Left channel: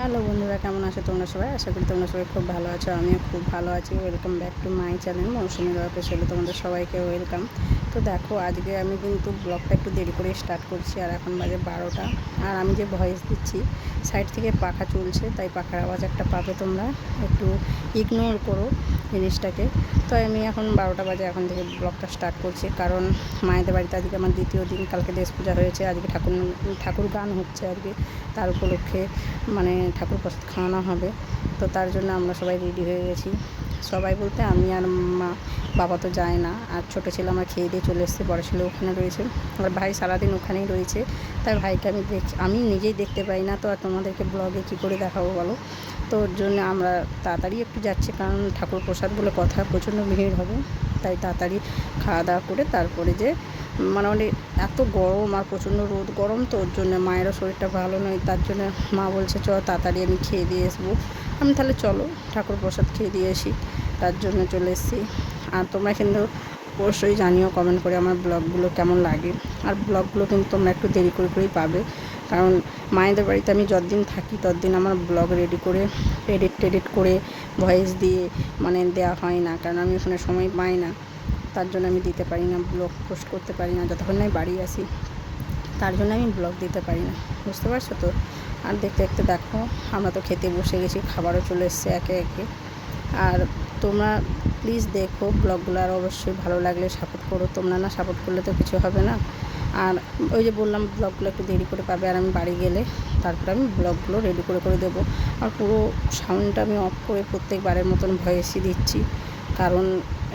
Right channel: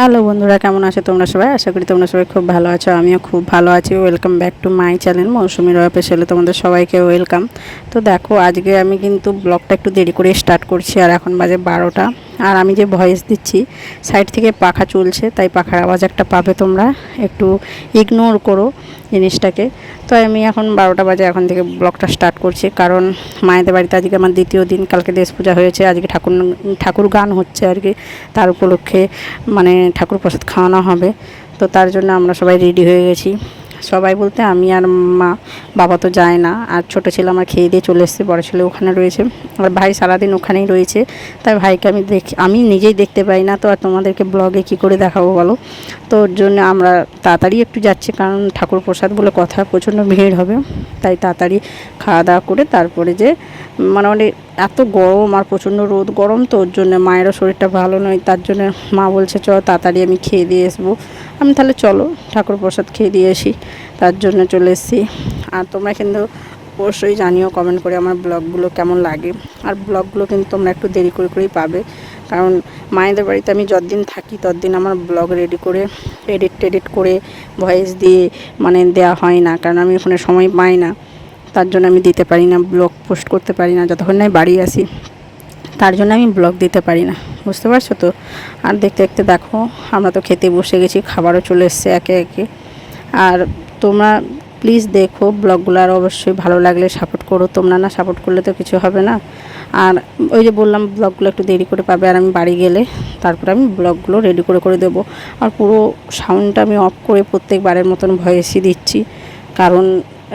Hello বন্ধুরা, কেমন আছো তোমরা সবাই? আশা করি তোমরা সবাই খুব ভালো আছো, আমিও খুব ভালো আছি। Welcome back to my channel Mousumi রয়া পেশালে তোমাদের সবাইকে ওয়েলকাম তো দেখো, আজকে আমি কিন্তু ব্লগটা একটু দেরি করে স্টার্ট করছি, আর এখন বাজে বারোটা। আর আমি যে ভয়েস দিচ্ছি সাইড থেকে পাখা চলছে, তাই পাখার আওয়াজ একটা পাবে তোমরা। একটু ইগনোর করো জিনিসটাকে। তো আমি এখন বারোটা বাজে এখন থেকে ব্লগটা স্টার্ট করছি, কারণ মায়েদের বাড়িতে আজকে আমার দ্বিতীয় দিন, কালকে দেশ পূজা হয়েছে, আজকে ঠাকুর ঠাকুর গান হচ্ছে আর কি। তার উপলক্ষে মানে ঠাকুর প্রসাদ খাওয়ানো হবে। তো তার জন্য আমরা সবাই রেডি হয়ে গেছি। সবাই বলতে আমি আর মা, বাবা তো যায় না। আর ছোটো ছেলে আমার খেয়ে দিয়ে চলে এসেছে, বড়ো ছেলে ওখানে রয়েছে। আর ভাই সারাদিন ওখানেই রয়েছে। তাই ভাইকে আমি দেখ, আমি নিজেই দেখতে পাই না তো, আর তোমাদেরকে ব্লগে কি করে দেখাবো বলো? তো ওর জন্য আমরা তাড়াতাড়ি একটু যাচ্ছি, কারণ ঠাকুর প্রসাদ বলে কথা প্রচণ্ড ভিড় হবে। তাই তাড়াতাড়ি খাওয়া দাওয়া করে তারপরে যে মানে অনেক এত গরম আর প্রচণ্ড রোদ, গরম তো ওর জন্য। মায়েরও শরীরটা ভালো নয়, তার জন্য মা বলছে চ তাড়াতাড়ি আমি খেয়ে দিয়ে আসব। আমি তাহলে চলো, ঠাকুর প্রসাদ খেয়ে দিয়ে আসি। তার জন্য চলে এসেছি। আর তোমরা কিন্তু অবশ্যই জানিও কমেন্ট করে আমার ব্লগগুলো কেমন লাগে। আর ব্লগগুলো কিন্তু তোমরা একটু দেরি করে করেই পাবে। কারণ মায়েদের বাড়িতে আমি যতদিন থাকি, ততদিন আমার ব্লগ রেডি করে এডিট টেডিট করে ভয়েস দিয়ে মানে দেওয়া হয় না। কারণ আমি ওখানে সময় পাই না। তার জন্য আমি দিতে পারি না ব্লগ পোস্ট করতে পারি না, যতক্ষণ না বাড়ি আসি। তার জন্য আমি ব্লগ দিতে পারি না, বুঝতে পারছ তো? আর দেখতে দেখতে দেখো, আমরা তো খেতে বসে গেছি, খাবারও চলে এসছে একে একে। আর তোমরা প্লিজ দেখো ব্লগগুলো আর অবশ্যই ভালো লাগলে সাপোর্ট করো। তোমরা না সাপোর্ট করলে তো কিছু হবে না। আর ওই যে বললাম ব্লগগুলো একটু দেরি করে পাবে আর আমি বাড়ি গেলে, তারপরে আমি ব্লগগুলো রেডি করে করে দেবো। আর পুরো সাউন্ডটা আমি অফ করে প্রত্যেকবারের মতন ভয়েসই দিচ্ছি। কারণ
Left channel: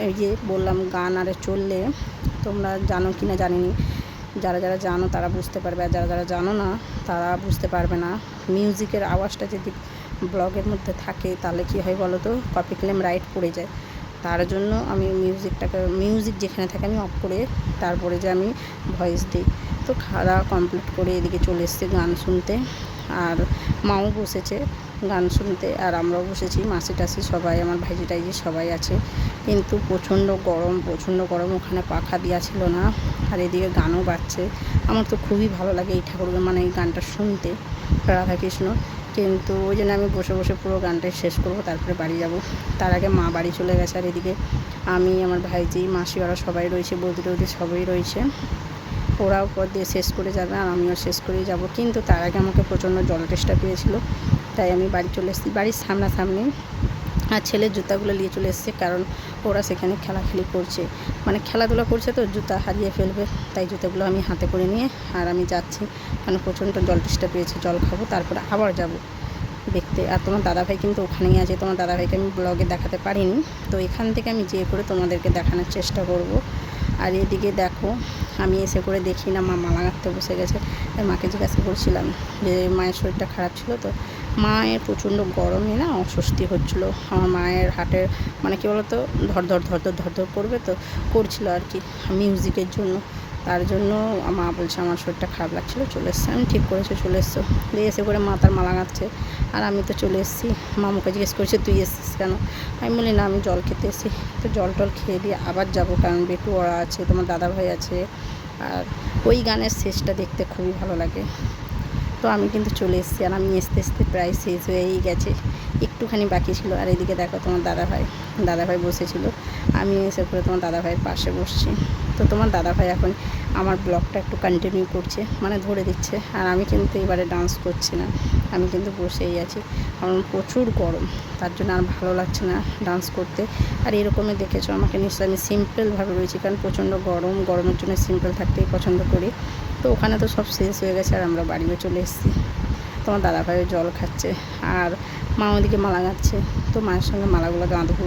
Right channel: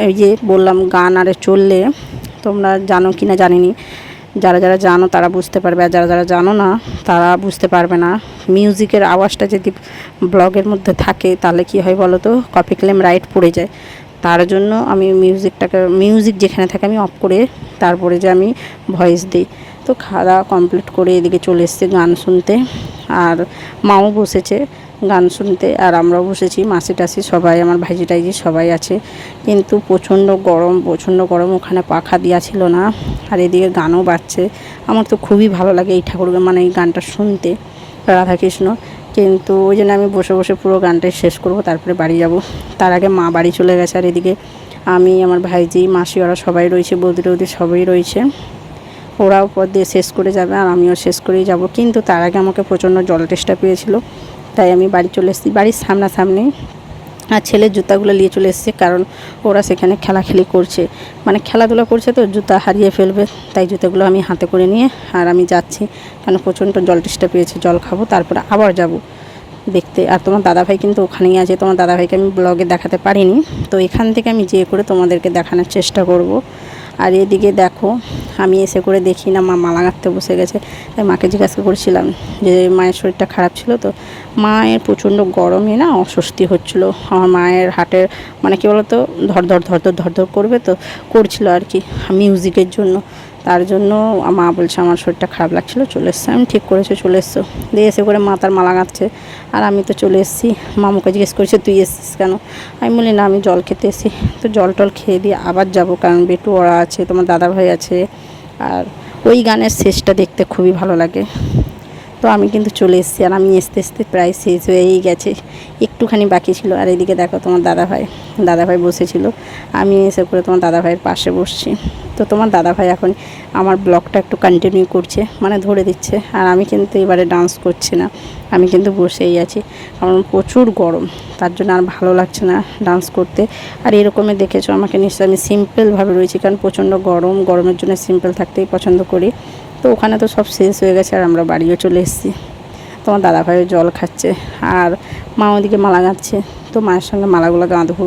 এই যে বললাম গান আরে চললে, তোমরা জানো কি না জানিনি। যারা যারা জানো তারা বুঝতে পারবে, আর যারা যারা জানো না তারা বুঝতে পারবে না। মিউজিকের আওয়াজটা যদি ব্লগের মধ্যে থাকে, তাহলে কি হয় বলো তো? কপি ক্লেম রাইট পড়ে যায়। তার জন্য আমি মিউজিকটাকে, মিউজিক যেখানে থাকে আমি অফ করে তারপরে যে আমি ভয়েস দিই। তো খাওয়া দাওয়া কমপ্লিট করে এদিকে চলে এসছে গান শুনতে। আর মাও বসেছে। গান শুনতে, আর আমরাও বসেছি, মাসি টাসি সবাই, আমার ভাইজি টাইজি সবাই আছে। কিন্তু প্রচণ্ড গরম প্রচণ্ড গরম, ওখানে পাখা দেওয়া ছিল না, আর এদিকে গানও বাজছে। আমার তো খুবই ভালো লাগে এই ঠাকুর মানে এই গানটা শুনতে, রাধাকৃষ্ণ। কিন্তু ওই জন্য আমি বসে বসে পুরো গানটাই শেষ করব, তারপরে বাড়ি যাব। তার আগে মা বাড়ি চলে গেছে, আর এদিকে আমি, আমার ভাইজি মাসি ওরা সবাই রয়েছে, বৌদি টৌদি সবাই রয়েছে। ওরাও পর দিয়ে শেষ করে যাবে, আর আমিও শেষ করেই যাব। কিন্তু তার আগে আমাকে প্রচণ্ড জল টেস্টা পেয়েছিল। তাই আমি বাড়ি চলে এসেছি। বাড়ির সামনাসামনি আর ছেলের জুতাগুলো নিয়ে চলে এসেছে কারণ ওরা সেখানে খেলাখেলি করছে। মানে খেলাধুলা করছে তো, জুতা হারিয়ে ফেলবে। তাই জুতোগুলো আমি হাতে করে নিয়ে আর আমি যাচ্ছি। কেন প্রচণ্ড জল টেস্টা পেয়েছে, জল খাব, তারপরে আবার যাব দেখতে। আর তোমার দাদাভাই কিন্তু ওখানেই আছে। তোমার দাদাভাইকে আমি ব্লগে দেখাতে পারিনি। তো এখান থেকে আমি যেয়ে করে তোমাদেরকে দেখানোর চেষ্টা করব। আর এদিকে দেখো, আমি এসে করে দেখি না, মা মালা গাঁথতে বসে গেছে। তাই মাকে জিজ্ঞাসা করেছিলাম যে, মায়ের শরীরটা খারাপ ছিল তো? মায়ের প্রচণ্ড গরমে না অস্বস্তি হচ্ছিল। আমার মায়ের হাটের মানে কী বলতো, ধর ধর ধর ধর ধর ধর করবে তো, করছিল আর কি মিউজিকের জন্য। তার জন্য মা বলছে, আমার শরীরটা খারাপ লাগছিল, চলে এসছে। আমি ঠিক করেছে, চলে এসছো। দিয়ে এসে করে মাতার মালা গাঁথছে। আর আমি তো চলে এসেছি। মামুকে জিজ্ঞেস করেছে, তুই এসছিস কেন? আমি বলি, না, আমি জল খেতে এসেছি। তো জল টল খেয়ে দিয়ে আবার যাব, কারণ বেটু ওরা আছে, তোমার দাদাভাই আছে। আর ওই গানের শেষটা দেখতে খুবই ভালো লাগে। তো আমি কিন্তু চলে এসেছি আর আমি আসতে আসতে প্রায় শেষ হয়েই গেছে। একটুখানি বাকি ছিল। আর এদিকে দেখো তোমার দাদাভাই দাদাভাই বসেছিল। আমি এসে করে তোমার দাদাভাইয়ের পাশে বসছি। তো তোমার দাদাভাই এখন আমার ব্লগটা একটু কন্টিনিউ করছে মানে ধরে দিচ্ছে। আর আমি কিন্তু এবারে ডান্স করছি না। আমি কিন্তু বসেই আছি। কারণ প্রচুর গরম। তার জন্য আর ভালো লাগছে না ডান্স করতে। আর এরকমই দেখেছ আমাকে নিশ্চয়ই আমি সিম্পলভাবে রয়েছি। কারণ প্রচণ্ড গরম। গরমের জন্য সিম্পল থাকতেই পছন্দ করি। তো ওখানে তো সব শেষ হয়ে গেছে আর আমরা বাড়িও চলে এসেছি। তোমার দাদাভাইও জল খাচ্ছে আর মা ওদিকে মালা গাঁথছে। তো মায়ের সঙ্গে মালাগুলো গাঁধবো।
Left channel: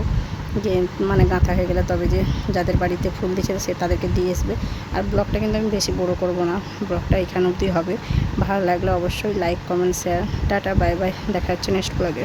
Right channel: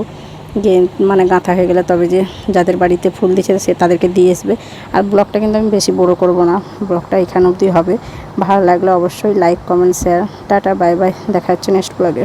যে মানে গাঁথা হয়ে গেলে তবে যে যাদের বাড়িতে ফুল দিচ্ছে সে তাদেরকে দিয়ে আসবে। আর ব্লগটা কিন্তু আমি বেশি বড় করব না। ব্লগটা এখানে অবধি হবে। ভালো লাগলে অবশ্যই like comment share tata bye bye দেখা হচ্ছে নেক্সট ব্লগে